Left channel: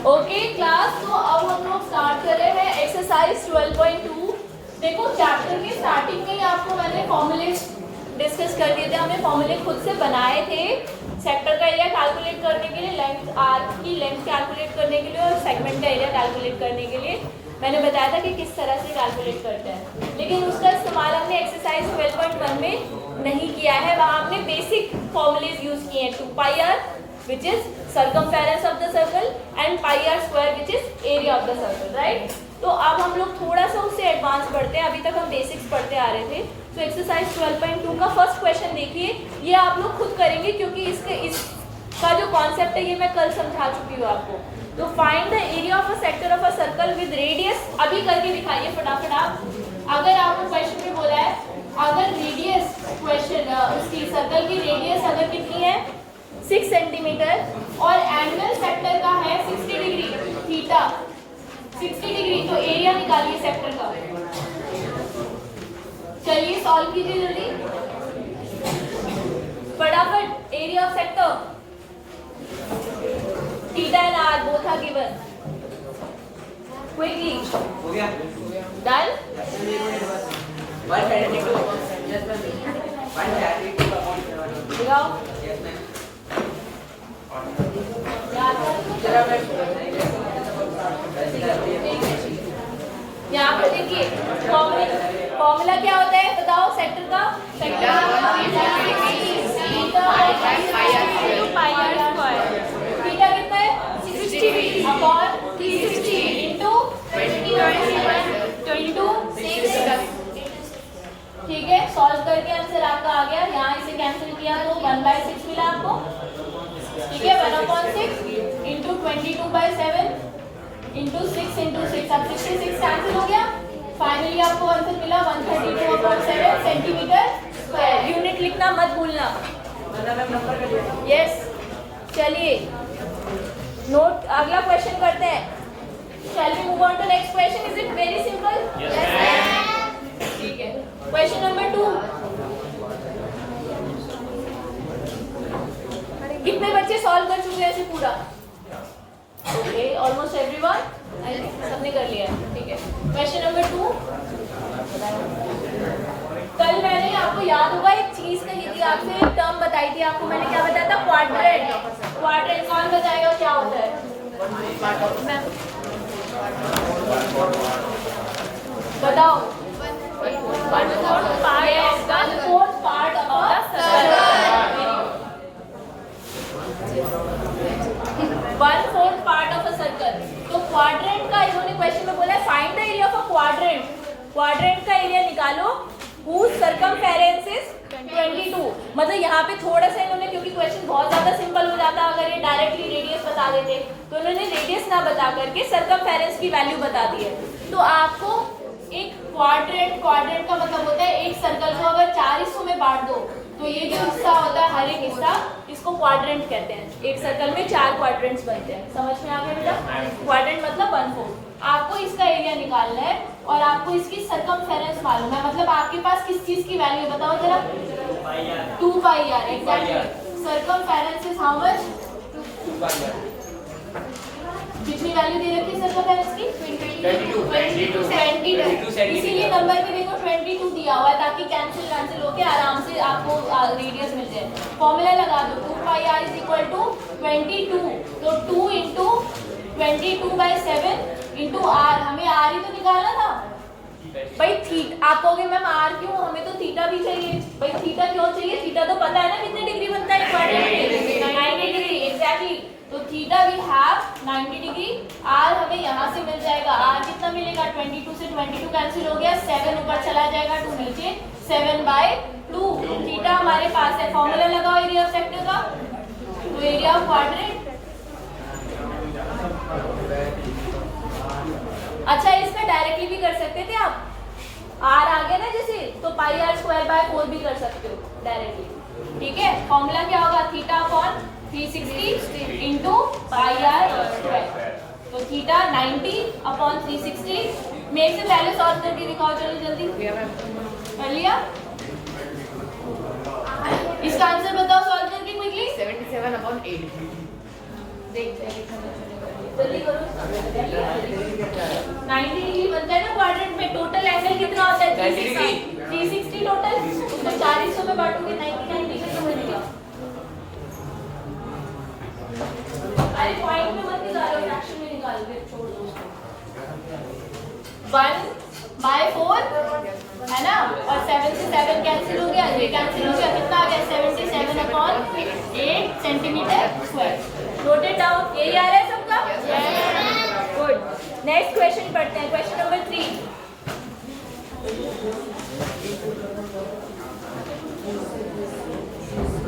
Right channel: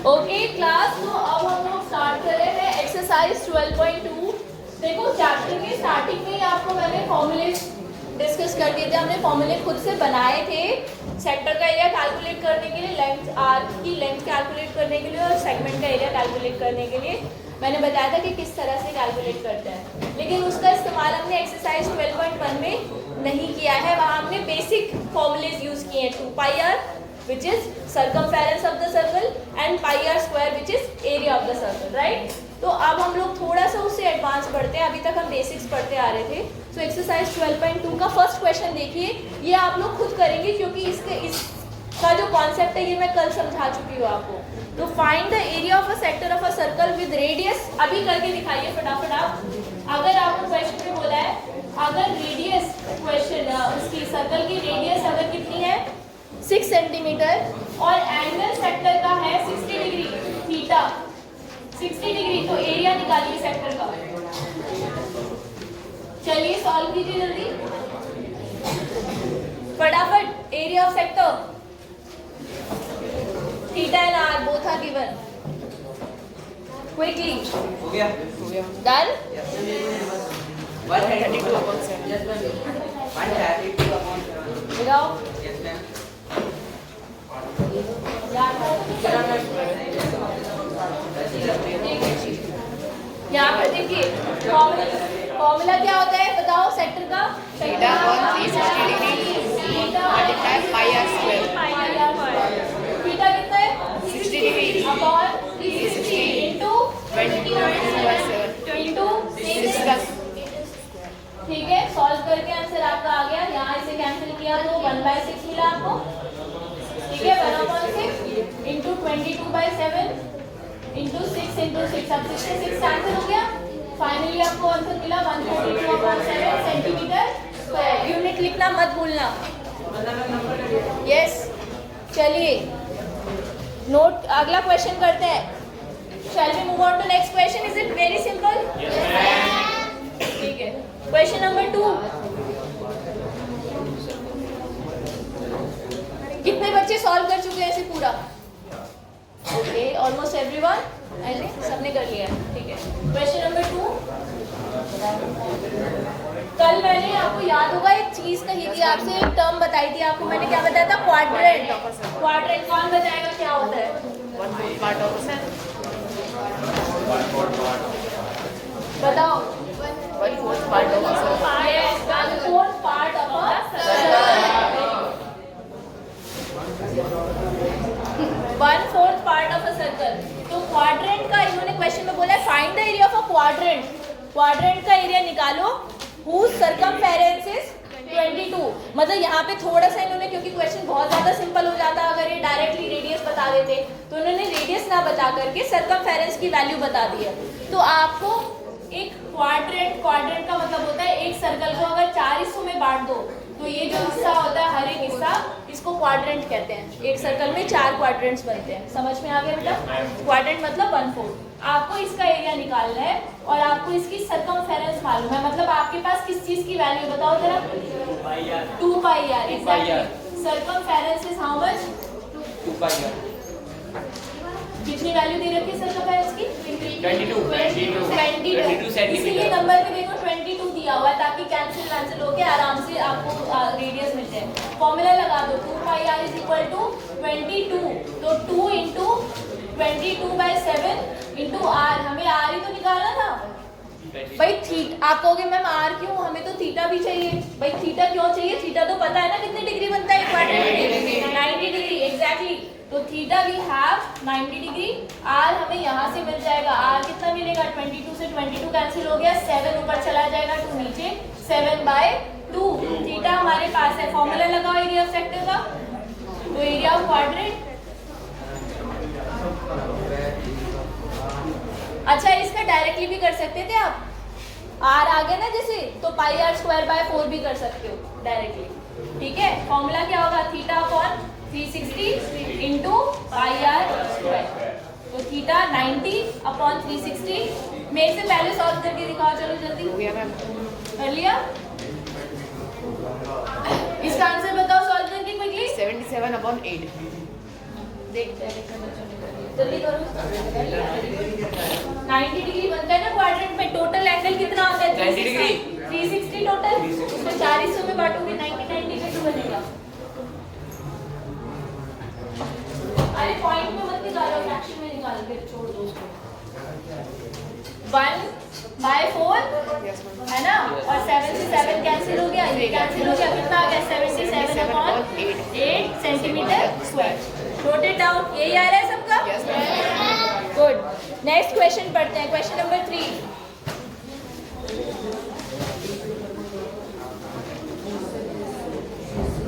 Okay class, तो अब हम लोग स्टार्ट कर रहे हैं एक्सरसाइज 12.2। देखो चैप्टर के स्टार्टिंग में ही आपको मैंने फॉर्मूले डिस्कस कर दिए थे, हमने फॉर्मूले खुद से बनाए थे सेक्टर का एरिया कैलकुलेट करने के लिए, लेंथ आर की लेंथ कैलकुलेट करने के लिए और सेगमेंट का एरिया कैलकुलेट करने के लिए मैंने बताया था कि किस तरह से कैलकुलेट करते हैं। लेकिन उसका इस्तेमाल हमने एक्सरसाइज 12.1 में नहीं किया है। वहाँ हमने बेसिक फॉर्मूलेज यूज किए हैं, 2πr which is circumference of the circle and pi r square which is area of the circle, right? तो अब हम लोग थोड़ा सा उससे एडवांस पढ़ते हैं, अभी तक हम बेसिक्स पढ़ते आ रहे थे। तो एक्सरसाइज 12.2 का फर्स्ट क्वेश्चन देखिए, ये आप लोग खुद करेंगे क्योंकि इसका जो कॉन्सेप्ट है ये मैं कल समझा चुकी हूँ आपको। तो find the area of a sector of a circle with radius, अभी करके दिखाइए फटाफट आप। अगर आपको क्वेश्चन में बोला है अगर रेडियस क्वेश्चन उसकी सर्कल की रेडियस अगर कितनी है 6 सेंटीमीटर और एंगल सेक्टर का है 60 डिग्री थीटा 60 डिग्री, तो एरिया निकालिए सेक्टर का। चलिए सॉल्व कीजिए जल्दी फटाफट। Area of sector theta and r both are given, quickly. हो गया डन। 132 दिखाओ यहाँ पर देखिए फॉर्मूला क्या होता है बताओ सेक्टर का। थीटा कितना है 60 अपॉन 360 इंटू 6। ठीक है, सॉल्व करके आंसर आपका आ गया। यहाँ इसे कैंसिल किया तो 1/6 मिला आपको। ठीक है, 1/6 इंटू 22/7 इंटू 6 इंटू 6, अब 66 कैंसिल हो गया। फाइनली आपको आंसर मिला 132/7 सेंटीमीटर स्क्वायर। यूनिट लिखना मत भूलना। यस, चलिए नोट, अगला क्वेश्चन करते हैं। Shall we move on to next question? Is it very simple? ठीक है, क्वेश्चन नंबर 2। कितने बच्चे सॉल्व कर चुके हैं ऐसे पूरा? Okay, almost everyone, I think सबने कर लिया है। ठीक है, क्वेश्चन नंबर 2। कल मैंने आपको याद होगा एक चीज कही थी आपसे, एक टर्म बताई थी आपको। मैंने क्या बताया था? क्वाड्रेंट। क्वाड्रेंट कौन बताएगा क्या होता है? बताओ। Yes, 1/4 part of a circle. 1/4 part of a circle. तो क्वाड्रेंट का इन्होंने क्वेश्चन में बोला है find the area of a quadrant. Quadrant का एरिया निकालो whose circumference is 22। मतलब यहाँ पे थोड़ा सा इन्होंने, क्योंकि क्वेश्चन बहुत ज्यादा सिंपल हो जाता अगर ये डायरेक्टली रेडियस बता देते, तो उन्होंने रेडियस ना बता करके सर्कमफेरेंस की वैल्यू बता दी है। तो आपको एक क्वाड्रेंट का मतलब होता है एक सर्कल को अगर 4 हिस्सों में बांट दो तो ये जो हिस्सा होता है हर एक हिस्सा, इसको क्वाड्रेंट कहते हैं। एक सर्कल में 4 क्वाड्रेंट्स बनते हैं। समझ में आ गया बेटा? क्वाड्रेंट मतलब 1/4। आपको इसका एरिया निकालना है और आपको इसकी सर्कमफेरेंस मालूम है। मतलब आपके पास किस चीज की वैल्यू बताओ जरा? 2πr। Exactly. Circumference is how much? 2πr। कितनी वैल्यू दे रखी है सर्कमफेरेंस की? 22। इसीलिए नंबर पे देखो 22 दिया हुआ है ताकि कैंसिल होके आराम से आपको रेडियस मिल जाए। फॉर्मूला लगा दो 2πr = 22। तो 2 इंटू 22/7 इंटू आर, हमें आर ही तो निकालना था भाई। थीटा, आप कहोगे मैम आर क्यों, हमें तो थीटा भी चाहिए। भाई थीटा क्यों चाहिए? थीटा तो पता है ना कितने डिग्री बनता है क्वाड्रेंट में? 90 डिग्री। एग्जैक्टली। तो theta we have 90 degree. R हमें यहाँ से मिल जाएगा। आर कितना मिलेगा? 22 से 22 कैंसिल हो गया, 7 ऊपर चला जाएगा, 2 नीचे, 7/2। थीटा हमारे पास है। फॉर्मूला लगाओ एरिया ऑफ सेक्टर का। तो एरिया ऑफ क्वाड्रेंट, अच्छा इसका डायरेक्टली भी कर सकते थे आप। आर आ गया ना जैसे, तो πr²/4 भी कर सकते हो डायरेक्टली। ठीक है, फॉर्मूला क्या होगा? Theta upon 360 into πr²। तो थीटा 90 अपॉन 360 में से वैल्यू सॉल्व करके दिखाओ। चलो जल्दी कर लिया। इसका आंसर बताओ सॉल्व करके क्विकली। 77/8। देखते हैं। जल्दी करो। 90 डिग्री बनता है ना क्वाड्रेंट में। टोटल एंगल कितना होता है? 90 डिग्री। 360 टोटल। उसमें 4 हिस्सों में बांटोगे 99 डिग्री तो बनेगा। अरे पॉइंट में मत निकालो, फ्रैक्शन में निकाल के छोड़ दो उसको। 1/4 है ना, और 7 से 7 कैंसिल हो गया, ये कैंसिल हो गया, कितना आ गया? 77/8 centimetre square. Note it down. यही आ रहा है सबका? गुड। नेक्स्ट क्वेश्चन पढ़ते हैं, question number 3।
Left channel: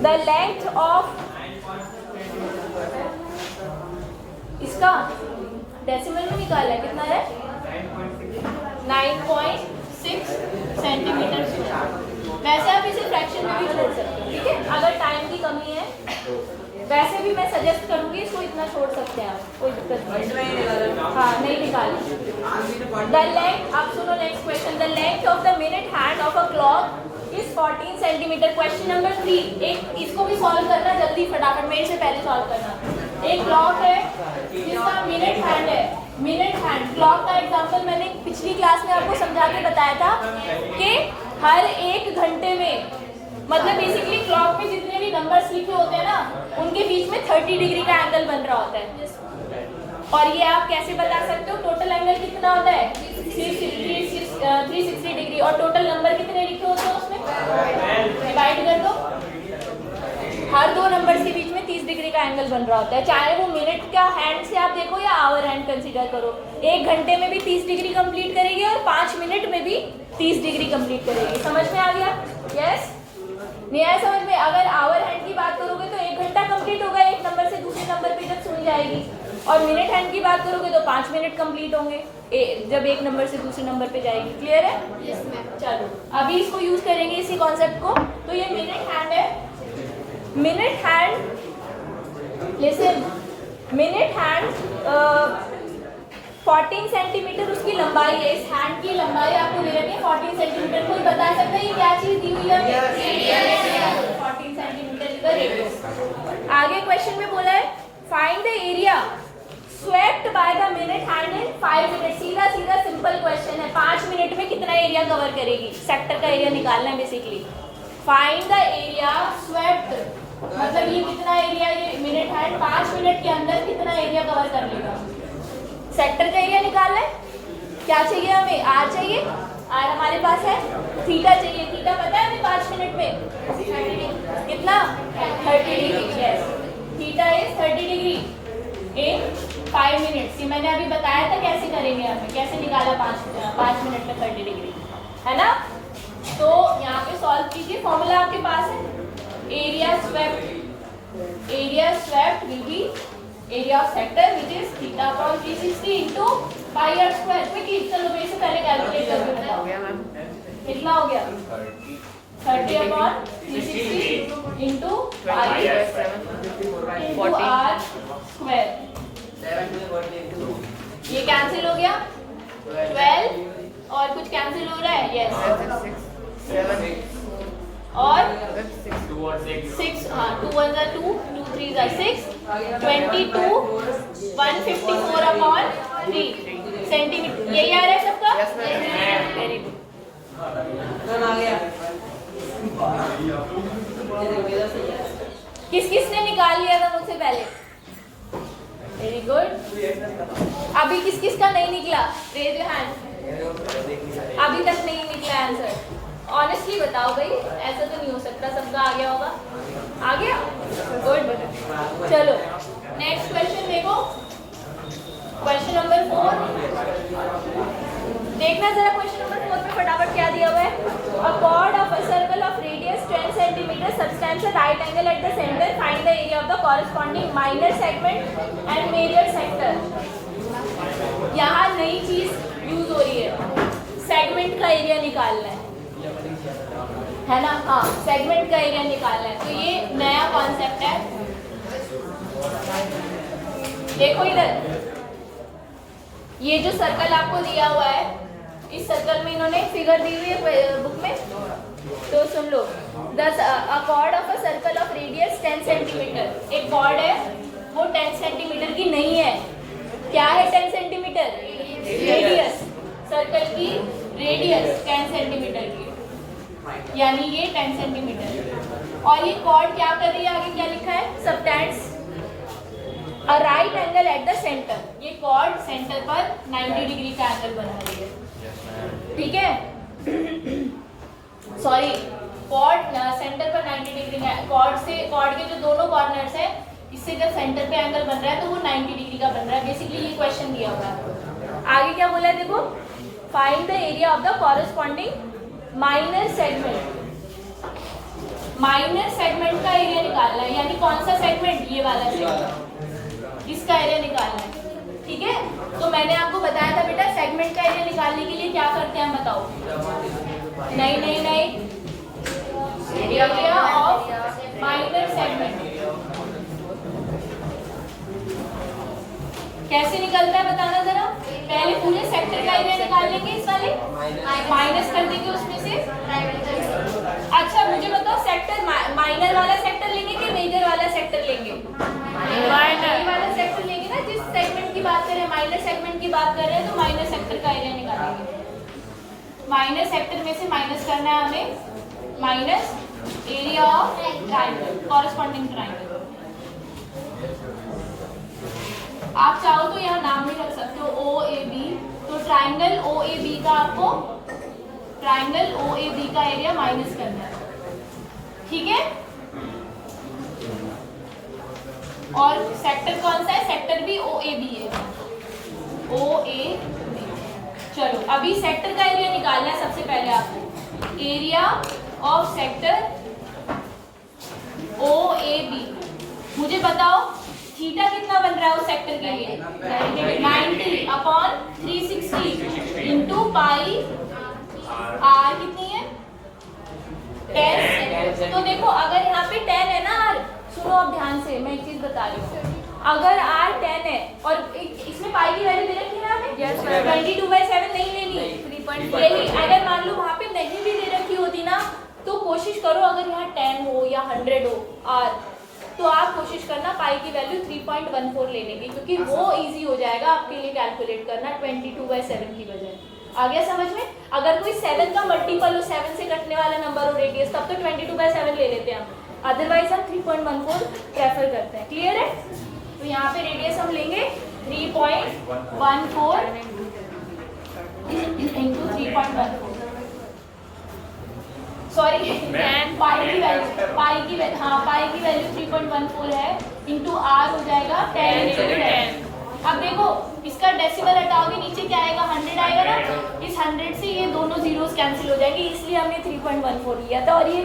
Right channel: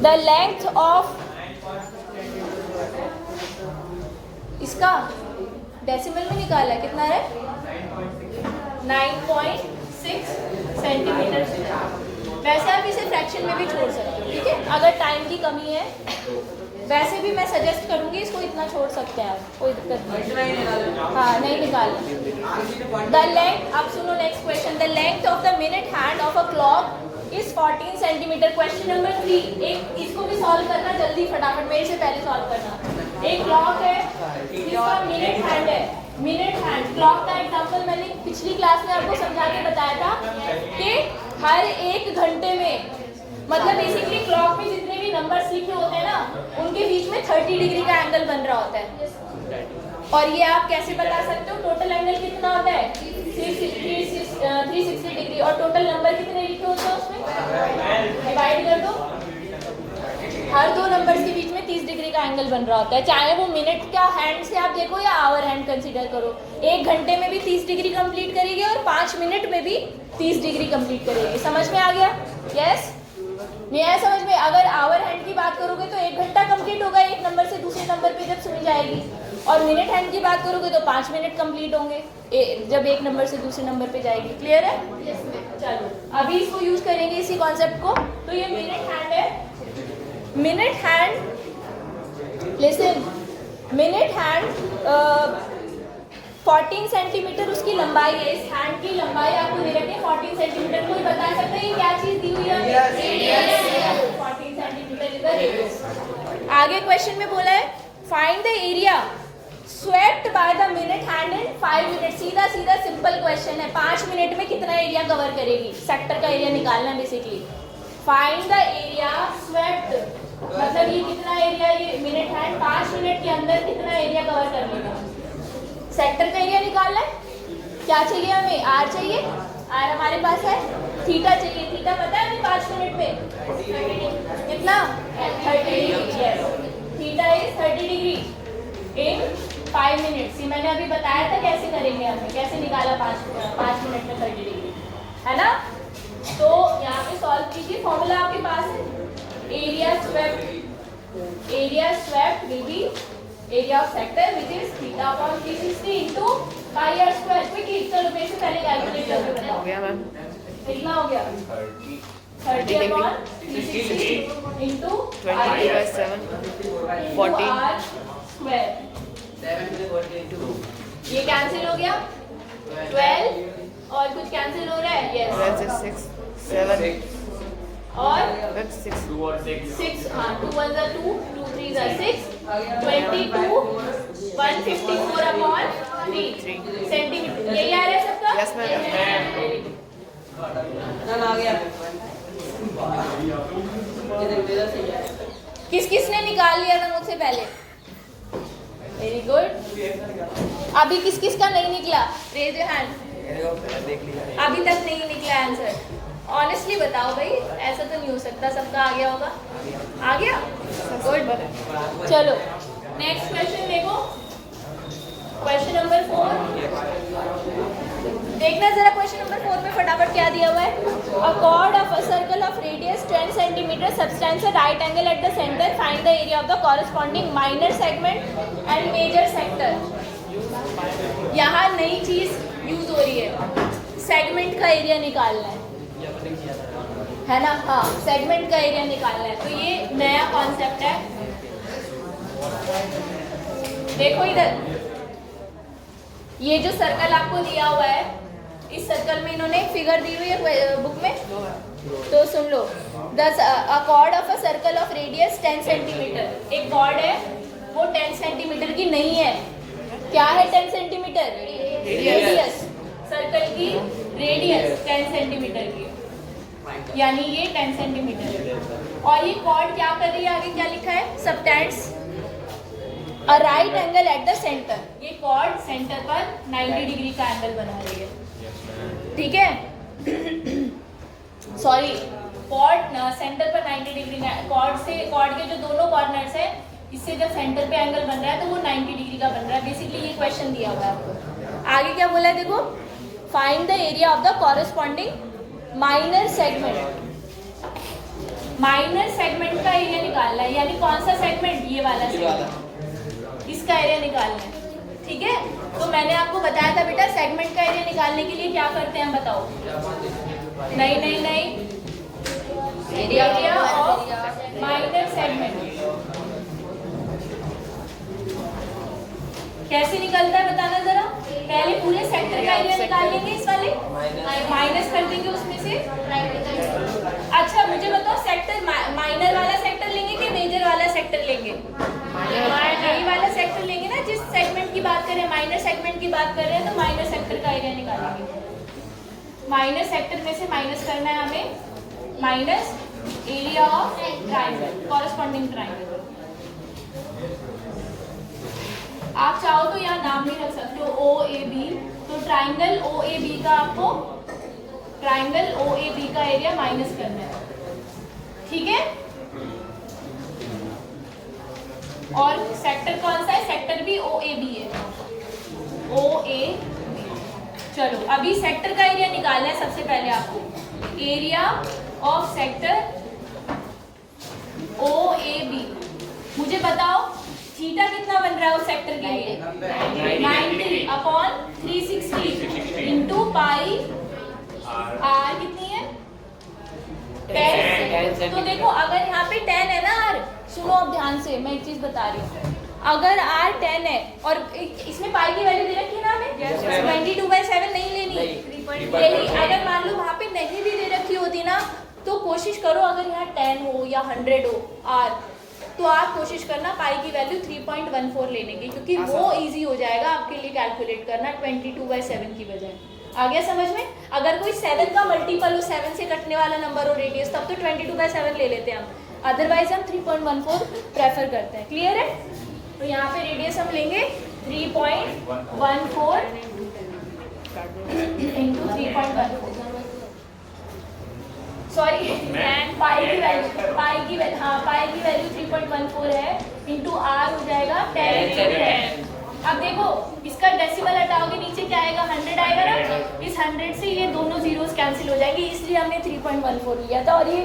The length of, इसका डेसिमल में निकाला है, कितना है? 9.6 सेंटीमीटर। वैसे आप इसे फ्रैक्शन में भी छोड़ सकते हो, ठीक है, अगर टाइम की कमी है। वैसे भी मैं सजेस्ट करूंगी इसको इतना छोड़ सकते हैं आप, कोई दिक्कत नहीं। हाँ, नहीं निकालें। द लेंथ, अब सुनो next question. The length of the minute hand of a clock is 14 centimetre. Question number 3। एक इसको भी सॉल्व करना जल्दी, फटाफट, मेरे से पहले सॉल्व करना। एक क्लॉक है जिसका मिनट हैंड है। मिनट हैंड क्लॉक का एग्जांपल मैंने पिछली क्लास में आपको समझा के बताया था कि हर 1 घंटे में, मतलब बेसिकली क्लॉक में जितने भी नंबर्स लिखे होते हैं ना, उनके बीच में 30 डिग्री का एंगल बन रहा होता है। और ये आप कैसे बता सकते हो? टोटल एंगल कितना होता है? 360 डिग्री। और टोटल नंबर कितने लिखे होते हैं उसमें? डिवाइड कर दो। हर 2 नंबर्स के बीच में 30 डिग्री का एंगल बन रहा होता है, चाहे वो मिनट का हैंड से आप देखो या आवर हैंड कंसीडर करो। 1 घंटे में भी 30 डिग्री कंप्लीट करेगी और 5 मिनट में भी 30 डिग्री कंप्लीट करेगी। समझ में आ गया? यस, नहीं आया समझ में? अगर आवर हैंड की बात करोगे तो 1 घंटा कंप्लीट होगा एक नंबर से दूसरे नंबर पे जब सुन जाएगी, और मिनट हैंड की बात करोगे तो 5 मिनट कंप्लीट होंगे जब एक नंबर से दूसरे नंबर पे जाएगी। क्लियर है? चलो अभी इसको यूज करेंगे इसी कॉन्सेप्ट को। तो ये मिनट हैंड है। Minute hand, listen, minute hand 14 centimetre उसकी लंबाई है। इस हैंड की लंबाई आपको दे रखी है 14 सेंटीमीटर। कोई बता सकता है ये क्या चीज दी हुई है? 14 सेंटीमीटर इज द रेडियस। आगे क्वेश्चन में बोला है find the area swept by the minute hand in 5 minute. सीधा सीधा सिंपल क्वेश्चन है। 5 मिनट में कितना एरिया कवर करेगी? सेक्टर का एरिया निकालना है basically. Find the area swept, मतलब ये कितना एरिया, ये मिनट हैंड 5 मिनट के अंदर कितना एरिया कवर कर लेगा? सेक्टर का एरिया निकालना है। क्या चाहिए हमें? आर चाहिए। आर हमारे पास है। थीटा चाहिए। थीटा पता है हमें 5 मिनट में कितना? 30 degree. Yes, theta is 30 degree in 5 minute. मैंने अभी बताया था कैसे करेंगे, हमें कैसे निकाला 5 मिनट में 30 डिग्री, है ना? तो यहाँ पे सॉल्व कीजिए। फॉर्मूला आपके पास है। Area swept will be area of sector which is theta upon 360 into pi r square. Quickly चलो मेरे से पहले कैलकुलेट करके बताओ कितना हो गया? 30 upon 360 into pi r square. ये कैंसिल हो गया। 12 और कुछ कैंसिल हो रहा है? यस, 6 और 6, हाँ, 2 1 2, 2 3 6, 22 154 अपॉन 3 सेंटीमीटर। यही आ रहा है सबका? Yes ma'am. Very good. किस किस ने निकाल लिया था मुझसे पहले? Very good. अभी किस किस का नहीं निकला? Raise your hand. अभी तक नहीं निकला आंसर। ऑनेस्टली बताओ भाई, ऐसा तो नहीं हो सकता सबका आ गया होगा। आ गया? गुड। चलो नेक्स्ट क्वेश्चन देखो, क्वेश्चन नंबर 4। देखना जरा क्वेश्चन नंबर 4 में फटाफट क्या दिया हुआ है। A chord of a circle of radius 10 centimetre subtends right angle at the centre, find the area of the corresponding minor segment and major sector. यहाँ नई चीज यूज हो रही है, सेगमेंट का एरिया निकालना है ना? हाँ, सेगमेंट का एरिया निकालना है। तो ये नया कॉन्सेप्ट है। देखो इधर, ये जो सर्कल आपको दिया हुआ है, इस सर्कल में इन्होंने फिगर दी हुई है बुक में, तो सुन लो। The chord of a circle of radius 10 centimeter. एक कॉर्ड है वो 10 सेंटीमीटर की नहीं है, क्या है 10 सेंटीमीटर? रेडियस। सर्कल की रेडियस 10 सेंटीमीटर की, यानी ये 10 सेंटीमीटर। और ये कॉर्ड क्या कर रही है, आगे क्या लिखा है? Subtends a right angle at the centre. ये कॉर्ड सेंटर पर 90 डिग्री का एंगल बना रही है, ठीक है? सॉरी, कॉर्ड सेंटर पर 90 डिग्री, कॉर्ड के जो दोनों कॉर्नर्स है, इससे जब सेंटर पे एंगल बन रहा है तो वो 90 डिग्री का बन रहा है। बेसिकली ये क्वेश्चन दिया हुआ है आपको। आगे क्या बोला है देखो, find the area of the corresponding minor segment. Minor segment का एरिया निकालना है, यानी कौन सा सेगमेंट? ये वाला सेगमेंट, इसका एरिया निकालना है, ठीक है? तो मैंने आपको बताया था बेटा, सेगमेंट का एरिया निकालने के लिए क्या करते हैं बताओ? नहीं, एरिया ऑफ माइनर सेगमेंट कैसे निकलता है बताना जरा। पहले पूरे सेक्टर का एरिया निकाल लेंगे, इस वाले माइनस कर देंगे उसमें से। अच्छा मुझे बताओ, सेक्टर माइनर वाला सेक्टर लेंगे कि मेजर वाला सेक्टर लेंगे? माइनर वाला सेक्टर लेंगे ना। जिस सेगमेंट की बात कर रहे हैं, माइनर सेगमेंट की बात कर रहे हैं, तो माइनर सेक्टर का एरिया निकालेंगे। माइनर सेक्टर में से माइनस करना है हमें, minus area of triangle, corresponding triangle. आप चाहो तो यहाँ नाम भी रख सकते हो, ओ ए बी। तो ट्राइंगल ओ ए बी का आपको, ट्राइंगल ओ ए बी का एरिया माइनस करना है, ठीक है? और सेक्टर कौन सा है? सेक्टर भी ओ ए बी है, ओ ए। चलो अभी सेक्टर का एरिया निकालना है सबसे पहले आपको। Area of sector O A B. मुझे बताओ थीटा कितना बन रहा है उस सेक्टर के लिए? 90 अपॉन 360 इंटू पाई आर कितनी है? 10। तो देखो अगर यहाँ पे 10 है ना आर, सुनो अब ध्यान से, मैं एक चीज बता रही हूँ। अगर आर 10 है और इसमें पाई की वैल्यू दे रखी है ना हमें, 22/7 नहीं लेनी। यही अगर मान लो वहाँ पे नहीं भी दे रखी होती ना, तो कोशिश करो अगर यहाँ 10 हो या 100 हो आर, तो आप कोशिश करना पाई की वैल्यू 3.14 लेने की, क्योंकि वो इजी हो जाएगा आपके लिए कैलकुलेट करना 22/7 की बजाय। आ गया समझ में? अगर कोई 7 का मल्टीपल हो, 7 से कटने वाला नंबर हो रेडियस, तब तो 22/7 ले लेते हैं हम, अदरवाइज हम 3.14 प्रेफर करते हैं। क्लियर है? तो यहाँ पे रेडियस हम लेंगे 3.14 इंटू 3.14, सॉरी पाई की वैल्यू 3.14 है, इंटू आर हो जाएगा 10। अब देखो इसका डेसिमल हटाओगे, नीचे क्या आएगा? 100 आएगा ना। इस 100 से ये दोनों जीरोस कैंसिल हो जाएंगे, इसलिए हमने 3.14 लिया था। और ये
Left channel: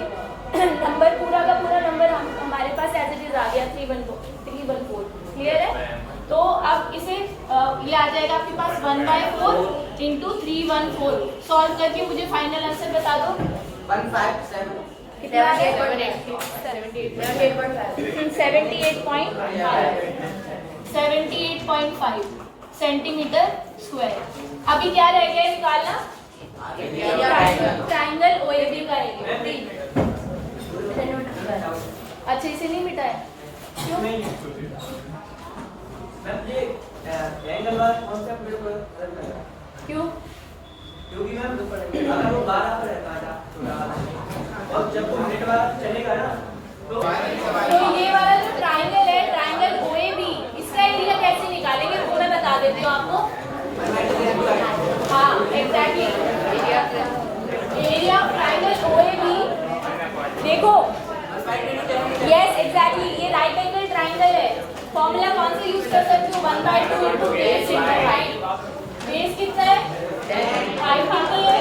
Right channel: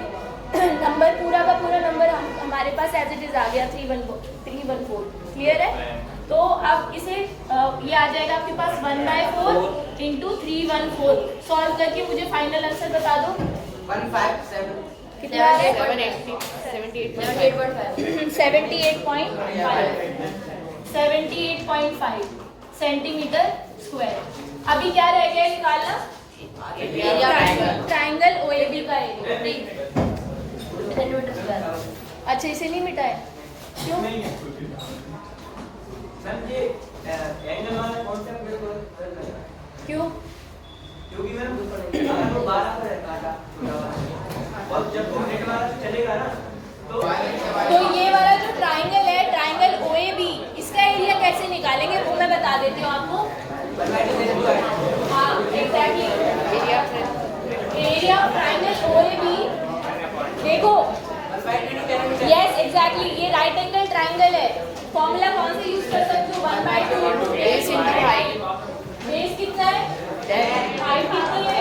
नंबर पूरा का पूरा नंबर हमारे पास एज इट इज आ गया 314। क्लियर है? तो अब इसे ये आ जाएगा आपके पास 1/4 इंटू 314। सॉल्व करके मुझे फाइनल आंसर बता दो। 157 कितना है? 78.5 सेंटीमीटर स्क्वायर। अभी क्या रह गया निकालना? ट्राइंगल ओएबी का एरिया। अच्छा इसे नहीं मिटाया क्यों? एंगल वाला कॉन्सेप्ट मेरे को अलग लगा। क्यों? क्योंकि मैम अगर वो 12 पर रहता था छोटा वाला, और जब वो नेट वाला चलेगा ना तो ये वाला जो ट्राइंगल है, ट्राइंगल ओएबी, इसका एरिया कैसे निकालेंगे वो मैं बता देती हूँ आपको। हाँ exactly, area of triangle OAB. देखो यस एग्जैक्टली, ये राइट एंगल ट्राइंगल है। फॉर्मूला कौन से यूज कर सकते हो? 1/2 into base into height. Base कितना है? हाइट कितनी है?